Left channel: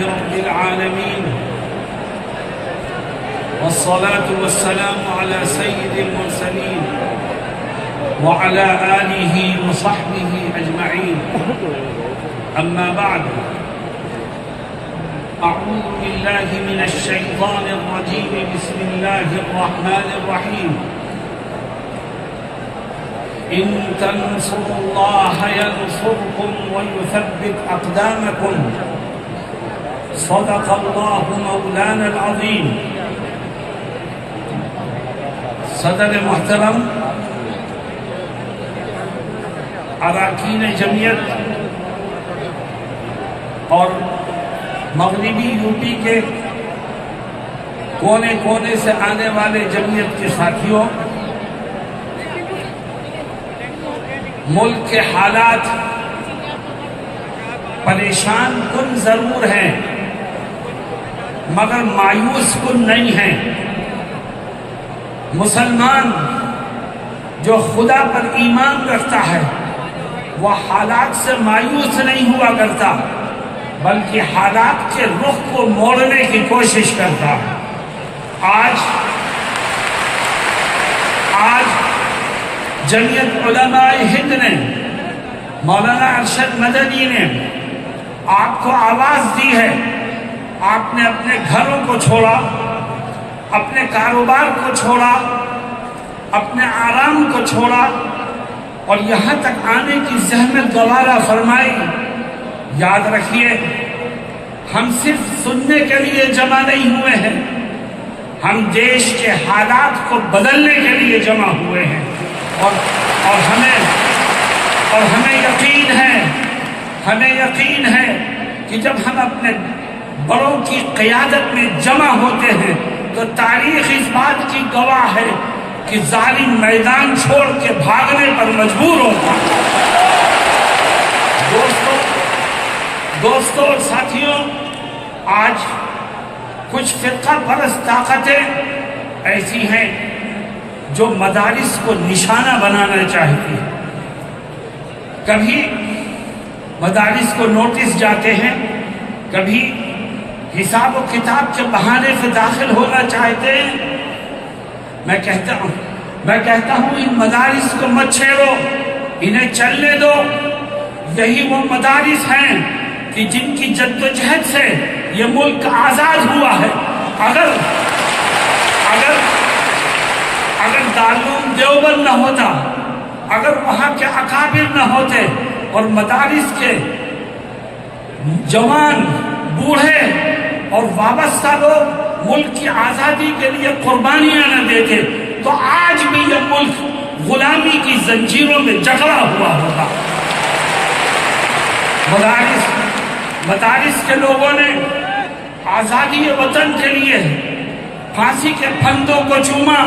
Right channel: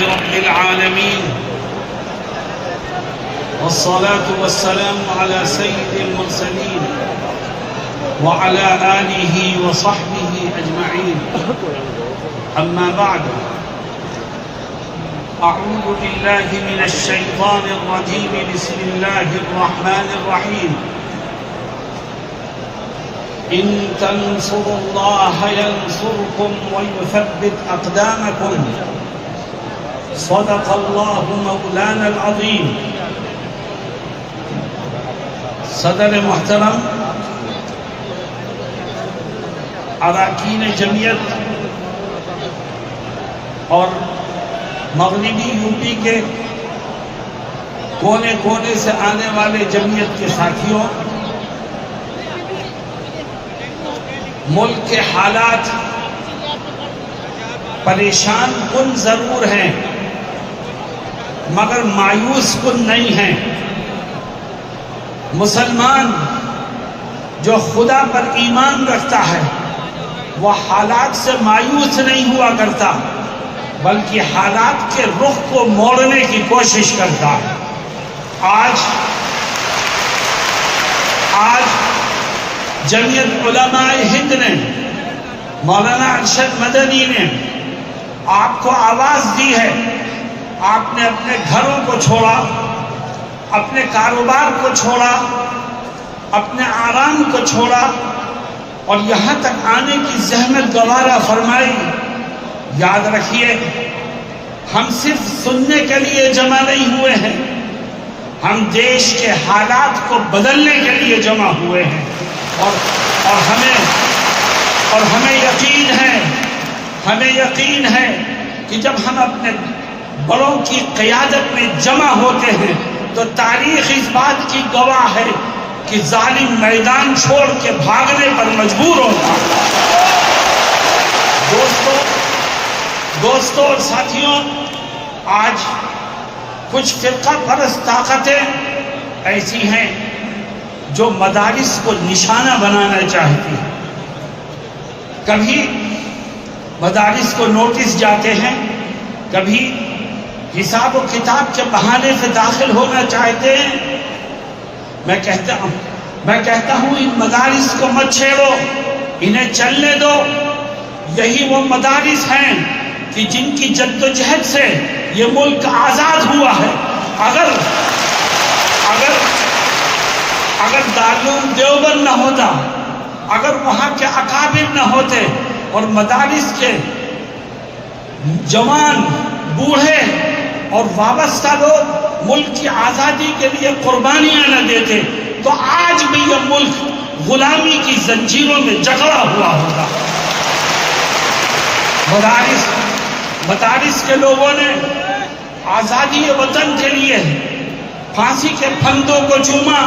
رب العالمين، والصلاة والسلام على سيد المرسلين وعلى آله وصحبه أجمعين. أما بعد، أعوذ بالله من الشيطان الرجيم. بسم الله الرحمن الرحيم. إن تنصروا الله ينصركم ويثبت أقدامكم. صدق الله مولانا العظيم. صدر محترم، اراکین جمعیت اور مغربی یو پی کے کونے کونے سے آنے والے جمعیت کے ساتھیوں، ملک کے حالات پریشان کن ضرور ہیں مگر مایوس کن نہیں ہیں. مسلمان جو خدا پر ایمان رکھتا ہے وہ حالات سے مایوس نہیں ہوا کرتا، بلکہ حالات کے رخ کو موڑنے کی کوشش کرتا ہے. آج جمعیت علماء ہند نے، مولانا ارشد مدنی نے آپ کو آواز دی ہے. آپ نے اپنے گھروں کو چھوڑا، اپنے کاروبار کو چھوڑا، اپنے آرام کو چھوڑا اور یہاں تک آنے کی زحمت گوارا فرمائی. یاد رکھیے، ہم صرف سننے کے لیے جمع نہیں ہوئے ہیں، ہم دیش کے حالات کو بدلنے کے لیے جمع ہوئے ہیں. اور ہمیں یقین ہے کہ جب ہم اپنے بڑوں کی قیادت میں جمع ہوتے ہیں تو تاریخ اس بات کی گواہ ہے کہ ظالم میدان چھوڑ کے بھاگنے پر مجبور ہوتا ہے. دوستوں اور ساتھیوں، آج کچھ فرقہ پرست طاقتیں ایسی ہیں جو مدارس کو نشانہ بنانا چاہتی ہیں. کبھی مدارس کو نوٹس جاتے ہیں، کبھی حساب و کتاب کے بہانے سے داخل ہونا چاہتے ہیں. میں کہتا ہوں ان مدارس کو مت چھیڑو، انہیں چلنے دو. یہی وہ مدارس ہیں کہ جن کی جد و جہد سے یہ ملک آزاد ہوا ہے. اگر دارالعلوم دیوبند نہ ہوتا، اگر وہاں کے اکابر نہ ہوتے اور مدارس کے جوان، بوڑھے اور وابستہ لوگ ملک کی آزادی کے لیے قربانیاں نہ دیتے تو آج بھی یہ ملک غلامی کی زنجیروں میں جکڑا ہوا ہوتا. مدارس کے لوگوں نے آزادی وطن کے لیے پھانسی کے پھندوں کو چوما،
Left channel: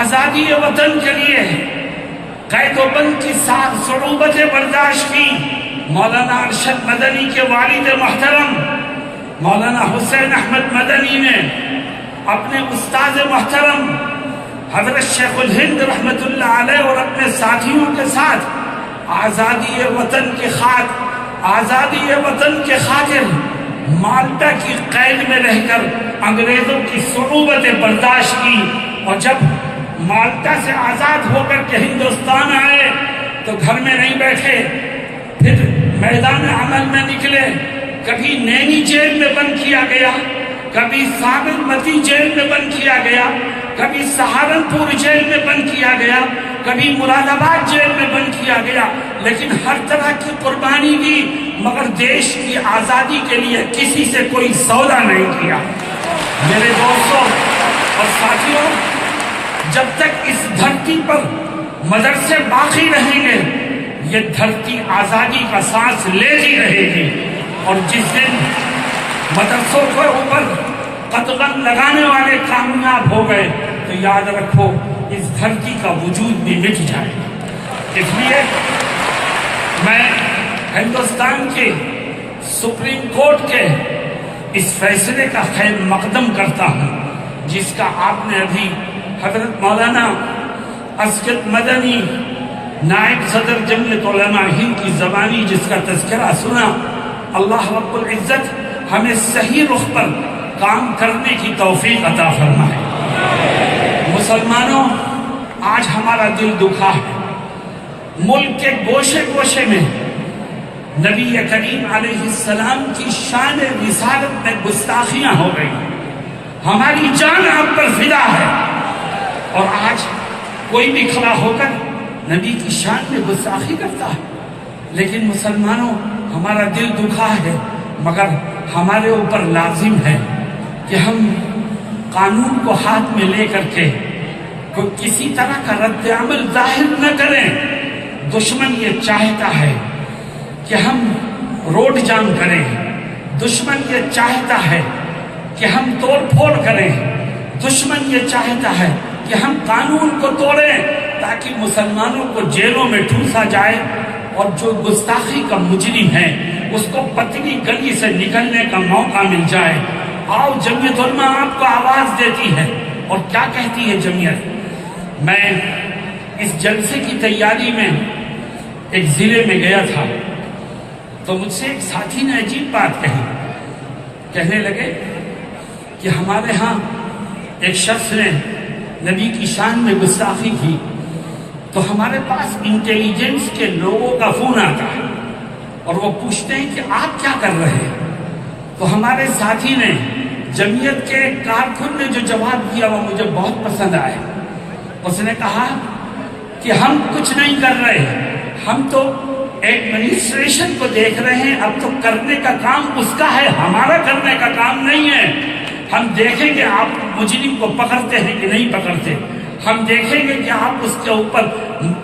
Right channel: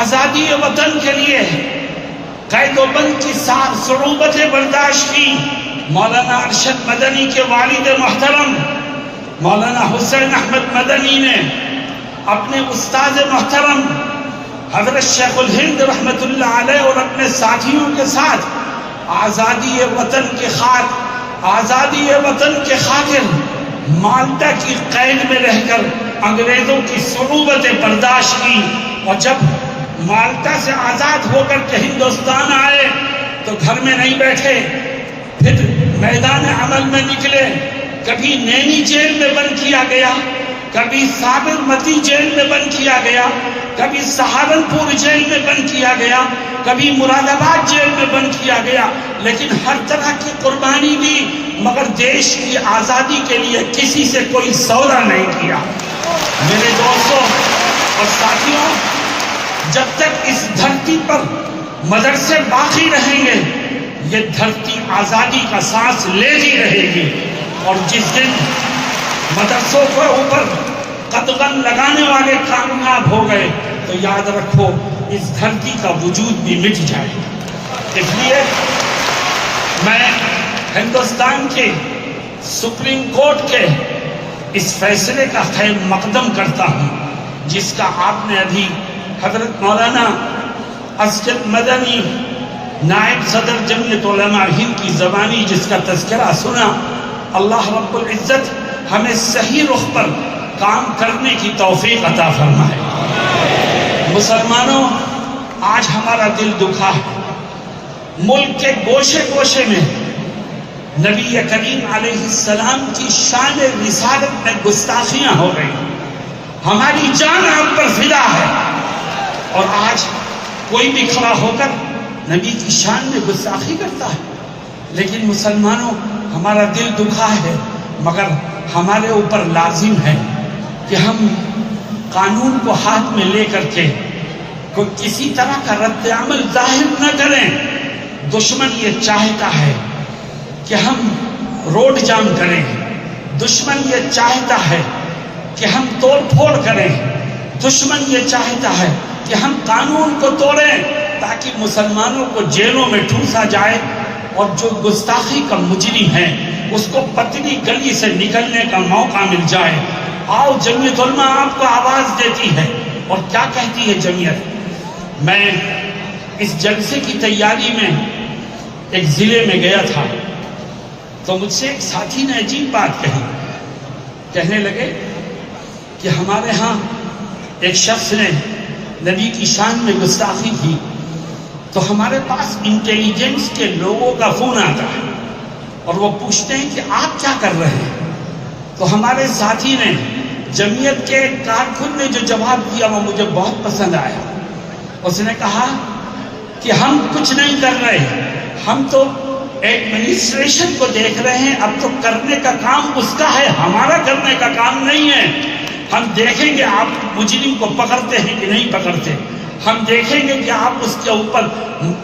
آزادی وطن کے لیے قید و بند کی صعوبتیں برداشت کی. مولانا ارشد مدنی کے والد محترم مولانا حسین احمد مدنی نے اپنے استاد محترم حضرت شیخ الہند رحمت اللہ علیہ اور اپنے ساتھیوں کے ساتھ آزادی وطن کے خاطر مالٹا کی قید میں رہ کر انگریزوں کی صعوبتیں برداشت کی. اور جب مالٹا سے آزاد ہو کر کے ہندوستان آئے تو گھر میں نہیں بیٹھے، پھر میدان عمل میں نکلے. کبھی نینی جیل میں بند کیا گیا، کبھی سابرمتی جیل میں بند کیا گیا، کبھی سہارنپور جیل میں بند کیا گیا، کبھی مراد آباد جیل میں بند کیا گیا. لیکن ہر طرح کی قربانی دی مگر دیش کی آزادی کے لیے کسی سے کوئی سودا نہیں کیا. میرے دوستوں اور ساتھیوں، جب تک اس دھرتی پر مدرسے باقی رہیں گے یہ دھرتی آزادی کا سانس لیتی رہے گی. اور جس دن مدرسوں کے اوپر قدغن لگانے والے کامیاب ہو گئے تو یاد رکھو اس دھرتی کا وجود بھی مٹ جائے گا. اس لیے میں ہندوستان کے سپریم کورٹ کے اس فیصلے کا خیر مقدم کرتا ہوں جس کا آپ نے ابھی حضرت مولانا اسجد مدنی نائب صدر جمعیت علماء ہند کی زبانی جس کا تذکرہ سنا. اللہ رب العزت ہمیں صحیح رخ پر کام کرنے کی توفیق عطا فرمائے۔ مسلمانوں، آج ہمارا دل دکھا ہے، ملک کے گوشے گوشے میں نبی کریم علیہ السلام کی شان رسالت میں گستاخیاں ہو رہی، ہماری جان آپ پر فدا ہے، اور آج کوئی بھی کھڑا ہو کر نبی کی شان میں گستاخی کرتا ہے۔ لیکن مسلمانوں، ہمارا دل دکھا ہے، مگر ہمارے اوپر لازم ہے کہ ہم قانون کو ہاتھ میں لے کر کے کوئی کسی طرح کا رد عمل ظاہر نہ کریں۔ دشمن یہ چاہتا ہے کہ ہم روڈ جام کریں، دشمن یہ چاہتا ہے کہ ہم توڑ پھوڑ کریں، دشمن یہ چاہتا ہے کہ ہم قانون کو توڑیں تاکہ مسلمانوں کو جیلوں میں ٹھوسا جائے، اور جو گستاخی کا مجرم ہے اس کو پتلی گلی سے نکلنے کا موقع مل جائے۔ آؤ، جمعیت علماء آپ کو آواز دیتی ہے، اور کیا کہتی ہے جمعیت؟ میں اس جلسے کی تیاری میں ایک ضلع میں گیا تھا، تو مجھ سے ایک ساتھی نے عجیب بات کہی، کہنے لگے کہ ہمارے ہاں ایک شخص نے نبی کی شان میں گستاخی کی، تو ہمارے پاس انٹیلیجنس کے لوگوں کا فون آتا ہے اور وہ پوچھتے ہیں کہ آپ کیا کر رہے ہیں۔ تو ہمارے ساتھی نے، جمعیت کے کارکن نے جو جواب دیا وہ مجھے بہت پسند آیا۔ اس نے کہا کہ ہم کچھ نہیں کر رہے، ہم تو ایڈمنسٹریشن کو دیکھ رہے ہیں، اب تو کرنے کا کام اس کا ہے، ہمارا کرنے کا کام نہیں ہے۔ ہم دیکھیں گے آپ مجرم کو پکڑتے ہیں کہ نہیں پکڑتے، ہم دیکھیں گے کہ آپ اس کے اوپر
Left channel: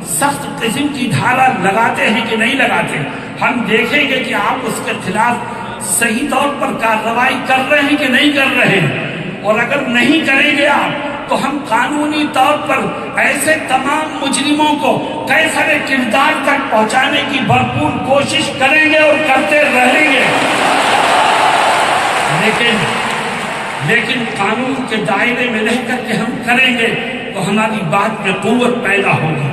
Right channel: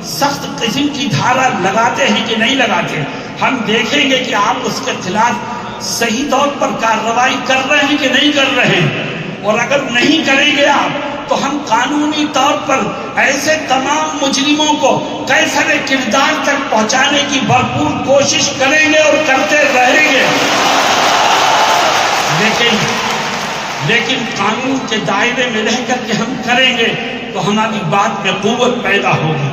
سخت قسم کی دھارا لگاتے ہیں کہ نہیں لگاتے، ہم دیکھیں گے کہ آپ اس کے خلاف صحیح طور پر کارروائی کر رہے ہیں کہ نہیں کر رہے ہیں، اور اگر نہیں کریں گے آپ تو ہم قانونی طور پر ایسے تمام مجرموں کو کیفر کردار تک پہنچانے کی بھرپور کوشش کریں گے اور کرتے رہیں گے۔ لیکن قانون کے دائرے میں رہ کر کے ہم کریں گے تو ہماری بات میں قوت پیدا ہوگی،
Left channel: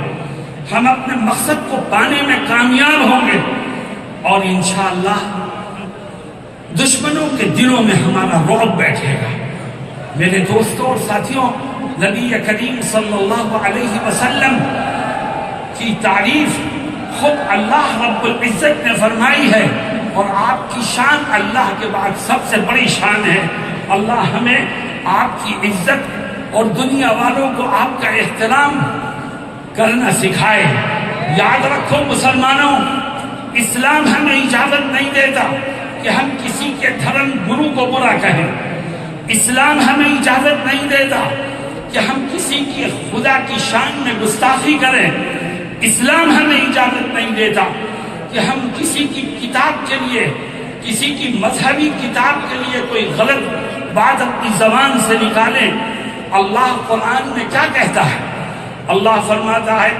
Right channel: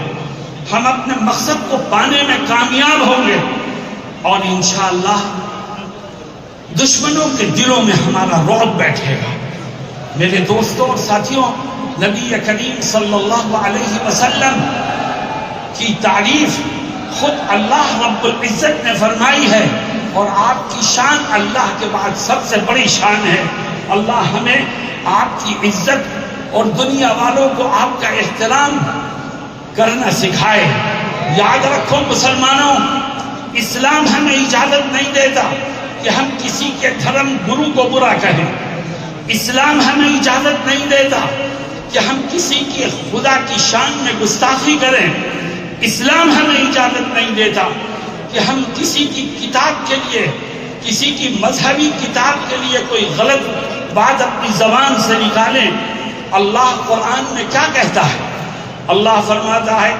ہم اپنے مقصد کو پانے میں کامیاب ہوں گے، اور انشاءاللہ دشمنوں کے دلوں میں ہمارا رعب بیٹھے گا۔ میرے دوستوں اور ساتھیوں، نبی کریم صلی اللہ علیہ وسلم کی تعریف خود اللہ رب العزت نے فرمائی ہے، اور آپ کی شان اللہ کے بعد سب سے بڑی شان ہے۔ اللہ ہمیں آپ کی عزت اور دنیا والوں کو آپ کا احترام کرنا سکھائے۔ یاد رکھو مسلمانوں، اسلام ہمیں اجازت نہیں دیتا کہ ہم کسی کے دھرم گرو کو برا کہیں، اسلام ہمیں اجازت نہیں دیتا کہ ہم کسی کی خدا کی شان میں گستاخی کریں، اسلام ہمیں اجازت نہیں دیتا کہ ہم کسی کی کتاب کے لیے، کسی کی مذہبی کتاب کے لیے کوئی غلط بات اپنی زبان سے نکالیں۔ اللہ قرآن میں کیا کہتا ہے؟ اللہ فرماتا ہے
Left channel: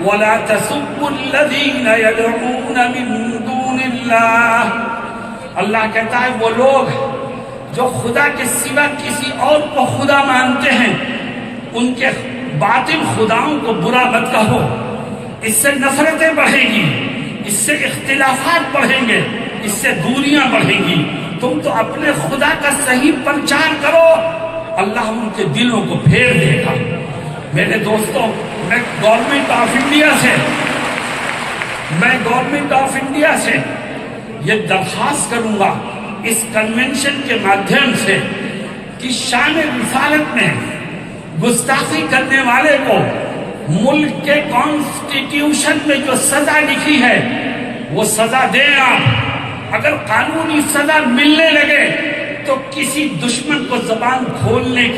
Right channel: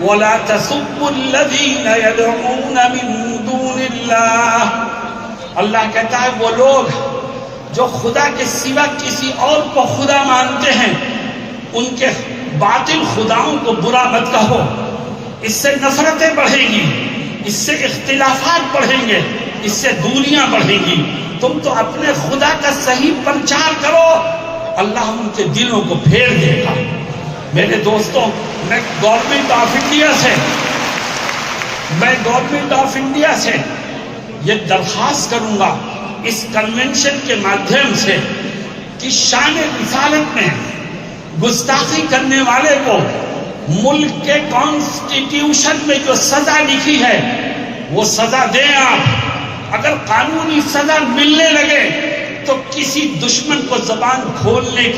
وَلَا تَسُبُّوا الَّذِينَ يَدْعُونَ مِن دُونِ اللَّهِ، اللہ کہتا ہے وہ لوگ جو خدا کے سوا کسی اور کو خدا مانتے ہیں، ان کے باطل خداؤں کو برا مت کہو، اس سے نفرتیں بڑھیں گی، اس سے اختلافات بڑھیں گے، اس سے دوریاں بڑھیں گی۔ تم تو اپنے خدا کا صحیح پرچار کرو، اللہ ان کے دلوں کو پھیر دے گا۔ میرے دوستوں، میں گورنمنٹ آف انڈیا سے یہ درخواست کروں گا اس کنونشن کے مادھیم سے کہ شان رسالت میں گستاخی کرنے والے کو ملک کے کانسٹیٹیوشن میں جو سزا لکھی ہے وہ سزا دیں آپ۔ اگر قانونی سزا ملنے لگے تو کسی دشمن کو زبان کھولنے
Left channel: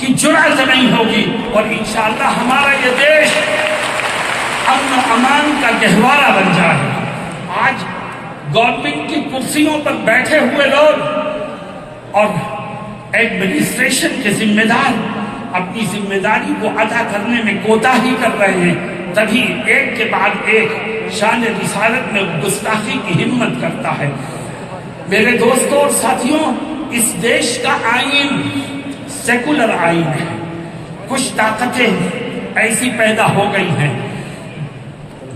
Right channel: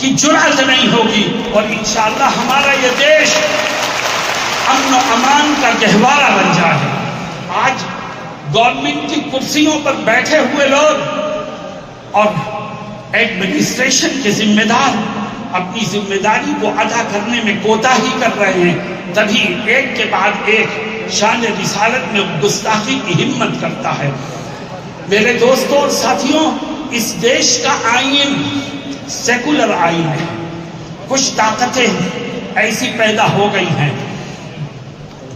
کی جرأت نہیں ہوگی، اور انشاءاللہ ہمارا یہ دیش امن و امان کا گہوارہ بن جائے۔ آج گورنمنٹ کی کرسیوں پر بیٹھے ہوئے لوگ اور ایڈمنسٹریشن کے ذمہ دار اپنی ذمہ داری کو ادا کرنے میں کوتاہی کر رہے ہیں، تبھی ایک کے بعد ایک شان رسالت میں گستاخی کی ہمت کرتا ہے۔ میرے دوستوں اور ساتھیوں، اس دیش کا آئین سیکولر آئین ہے، کچھ طاقتیں ایسی پیدا ہو گئی ہیں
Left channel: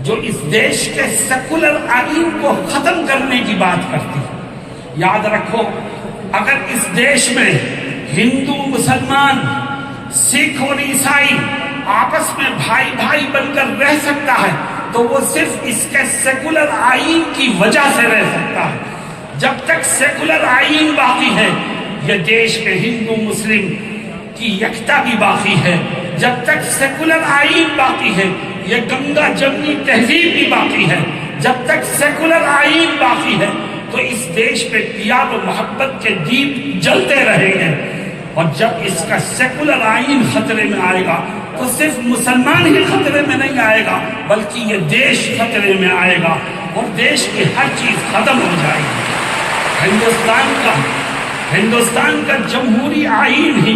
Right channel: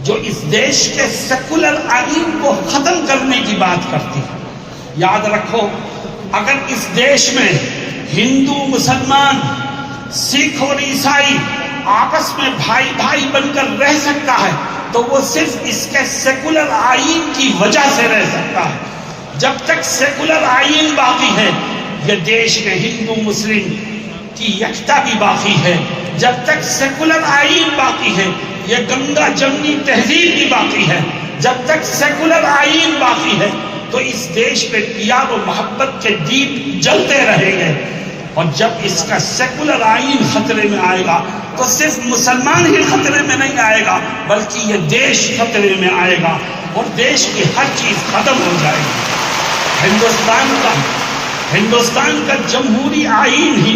جو اس دیش کے سیکولر آئین کو ختم کرنے کی بات کرتی ہے۔ یاد رکھو، اگر اس دیش میں ہندو مسلمان سکھ اور عیسائی آپس میں بھائی بھائی بن کر رہ سکتا ہے تو وہ صرف اس کے سیکولر آئین کی وجہ سے رہ سکتا ہے۔ جب تک سیکولر آئین باقی ہے یہ دیش میں ہندو مسلم کی یکتا بھی باقی ہے۔ جب تک سیکولر آئین باقی ہے یہ گنگا جمنی تہذیب بھی باقی ہے۔ جب تک سیکولر آئین باقی ہے تو اس دیش میں پیار و محبت کے دیپ جلتے رہیں گے، اور جب اس کا سیکولر آئین خطرے میں آئے گا تو صرف مسلمان ہی خطرے میں نہیں آئے گا بلکہ یہ دیش خطرے میں آئے گا اور دیش کی ہر چیز ختم ہو جائے گی۔ ہندوستان کا جمہوری آئین ہی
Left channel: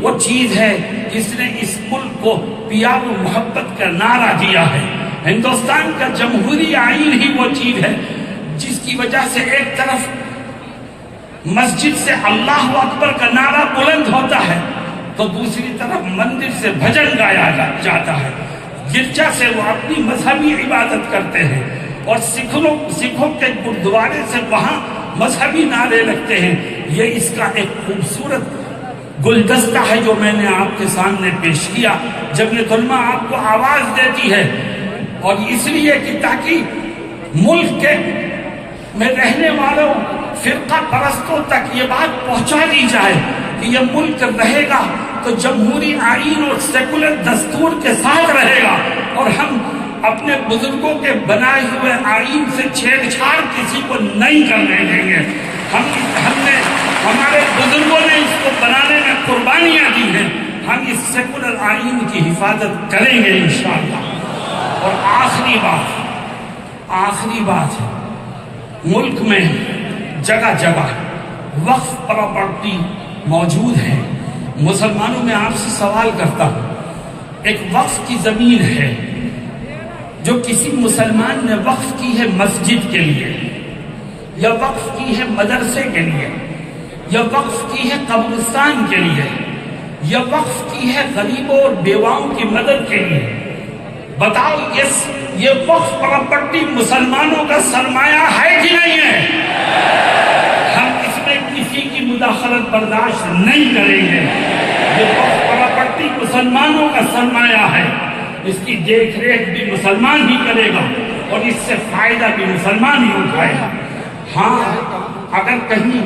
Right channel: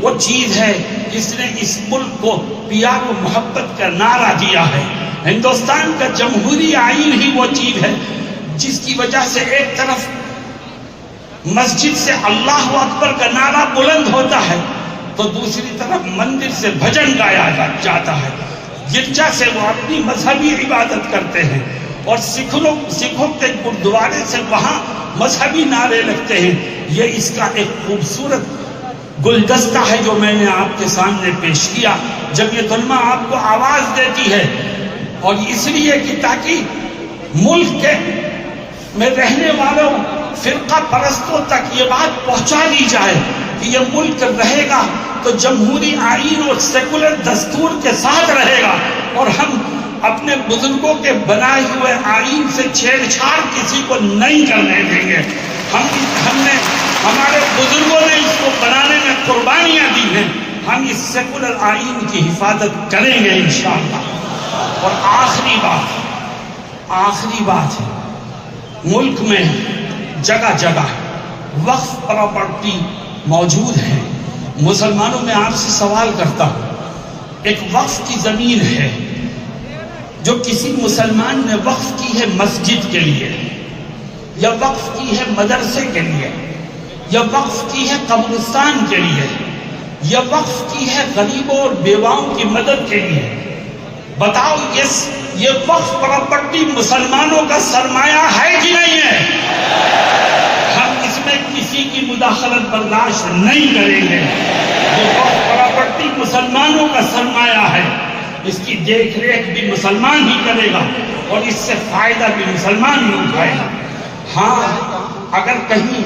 وہ چیز ہے جس نے اس ملک کو پیار و محبت کا نعرہ دیا ہے۔ ہندوستان کا جمہوری آئین ہی وہ چیز ہے جس کی وجہ سے ایک طرف مسجد سے اللہ اکبر کا نعرہ بلند ہوتا ہے تو دوسری طرف مندر سے بھجن گایا جاتا ہے، گرجا سے وہ اپنی مذہبی عبادت کرتے ہیں، اور سکھوں کے گردوارے سے وہاں مذہبی نعرے لگتے ہیں۔ یہ اس کا ایک خوبصورت گلدستہ ہے جو میں نے آپ کے سامنے پیش کیا۔ جمعیت علماء آپ کو آواز دیتی ہے، اور اس لیے کہ تاکہ ملک کے میں رہنے والوں فرقہ پرستوں تک یہ بات پہنچا دی جائے کہ یہ ملک رہے گا تو جمہوری آئین اور سیکولر دستور کے ساتھ رہے گا، اور ہم اپنے بزرگوں کے بنائے ہوئے آئین سے چھیڑ چھاڑ کسی کو نہیں کرنے دیں گے۔ ہمارے بزرگوں نے اس کو بنانے میں قربانیاں دی ہیں، ہم اس سیکولر آئین کی حفاظت کریں گے انشاءاللہ۔ اور آخری بات ہے، ملک میں جگہ جگہ وقف پراپرٹی موجود ہے۔ مسلمانوں میں آپ سے سوال کرتا ہوں، ایک وقف کی زمین ہے جو کسی مسلمان نے وقف کی ہے مسجد کے لیے، یا وقف کی ہے مدرسے کے لیے، یا وقف کی ہے قبرستان کے لیے، یا وقف کی ہے غریبوں اور بیواؤں کی مدد کے لیے، بتاؤ یہ وقف پراپرٹی مسلمانوں کا سرمایہ ہے کہ نہیں ہے؟ ہم اس میں کسی کی مداخلت برداشت نہیں کریں گے۔ یہ وقف پراپرٹی مسلمانوں کا سرمایہ ہے، اس کی دیکھ ریکھ بھی مسلمان ہی کرے گا اور اس سے فائدہ بھی مسلمان ہی اٹھائے گا۔ ہاں، اگر کہیں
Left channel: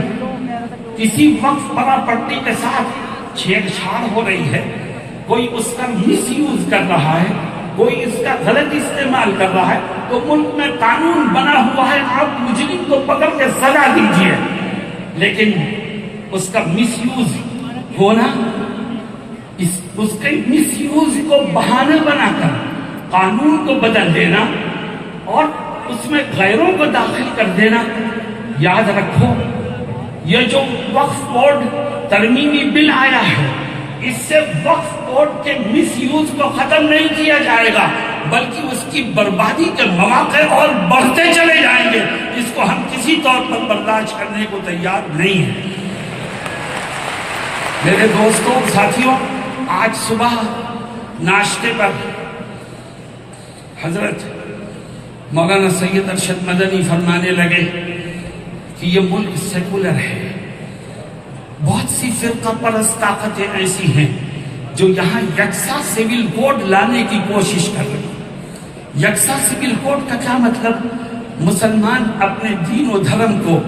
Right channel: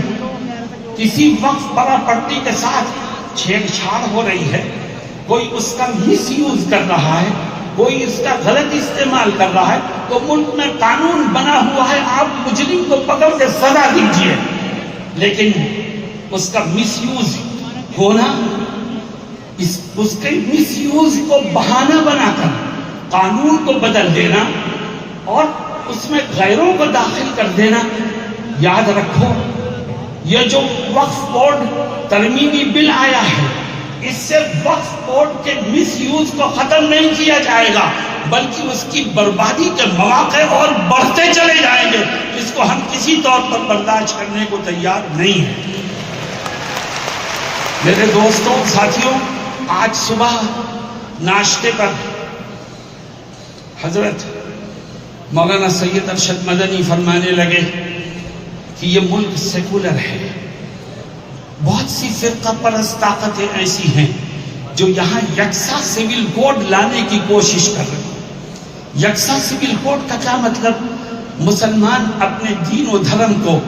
کسی وقف پراپرٹی کے ساتھ چھیڑ چھاڑ ہو رہی ہے، کوئی اس کا مس یوز کر رہا ہے، کوئی اس کا غلط استعمال کر رہا ہے، تو ملک میں قانون بنا ہوا ہے، آپ مجرم کو پکڑ کے سزا دیجئے، لیکن اس کا مس یوز ہونا، اس کے مس یوز کو بہانہ بنا کر قانون کو بدل دینا اور اس میں غیروں کو داخل کر دینا، یاد رکھو یہ جو وقف بورڈ ترمیمی بل آیا ہے، اس سے وقف بورڈ کے مس یوز کو ختم نہیں کیا جائے گا بلکہ اس کی بربادی کے مواقع اور بڑھتے چلے جائیں گے، جس کو ہم کسی طور پر برداشت کرنے کو تیار نہیں ہیں۔ میرے دوستوں، ساتھیوں، آج صبح ناشتے پر حضرت مولانا سید ارشد مدنی فرمانے لگے کہ یہ ملک سیکولر ہے، بہت سی فرقہ پرست طاقتیں ایسی ہیں جو یہاں یکساں سول کوڈ لانے کی کوشش کر رہے ہیں۔ یکساں سول کوڈ کا کیا مطلب؟ مسلمان اپنے دین و دھرم کو،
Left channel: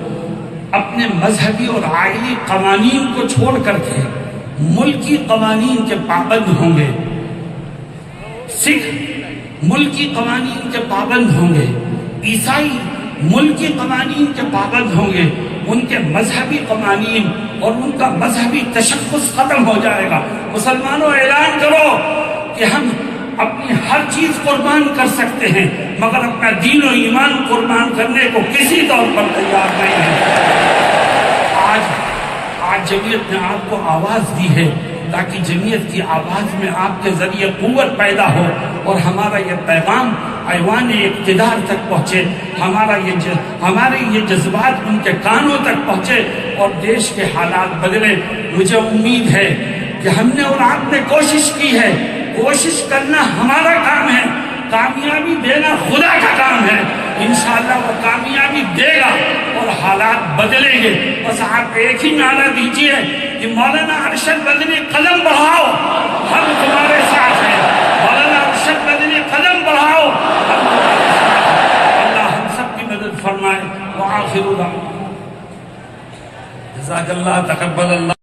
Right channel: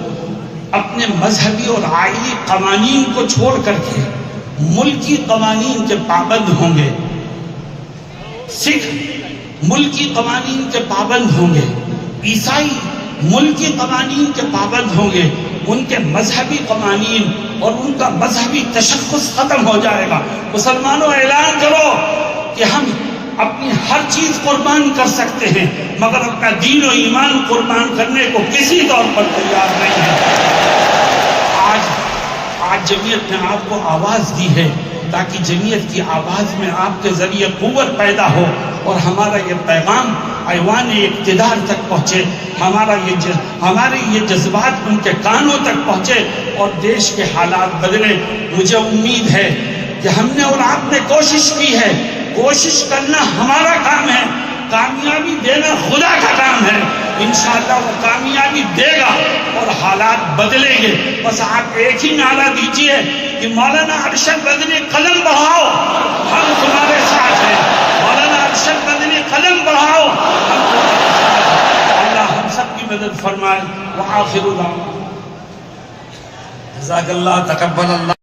اپنے مذہبی اور آئینی قوانین کو چھوڑ کر کے ملکی قوانین کے پابند ہوں گے، سکھ ملکی قوانین کے پابند ہوں گے، عیسائی ملکی قوانین کے پابند ہوں گے، ان کے مذہبی قوانین اور ان کا مذہبی تشخص ختم ہو جائے گا۔ مسلمانوں، اعلان کرو کہ ہم اپنی ہر چیز قربان کر سکتے ہیں مگر اپنا دین و ایمان قربان کرنے کو کسی طور پر تیار نہیں ہے۔ آج جمعیت نے آپ کو آواز دی ہے تاکہ جمعیت کی آواز میں آپ کے ذریعے قوت پیدا ہو اور ہمارا یہ پیغام ایوان اقتدار تک پہنچے، ہمارے یہ جذبات ان کے کانوں تک پہنچے اور دیش کے حالات بدلے۔ مجھے امید ہے کہ ہم نے اور آپ نے کوشش کی ہے، کوشش کرنا ہمارا کام ہے، کامیابی دینا خدا کا کام ہے، انشاءاللہ وہ کامیابی دے گا اور حالات بدلیں گے۔ بس آپ ایک ہی نعرہ دیجئے کہ مولانا ارشد مدنی قدم بڑھاؤ، ہم تمہارے ساتھ ہیں۔ مولانا ارشد مدنی قدم بڑھاؤ، ہم تمہارے ساتھ ہیں۔ اللہ ہم سب کی مدد فرمائے۔ وآخر دعوانا جزاک اللہ، تقبل اللہ۔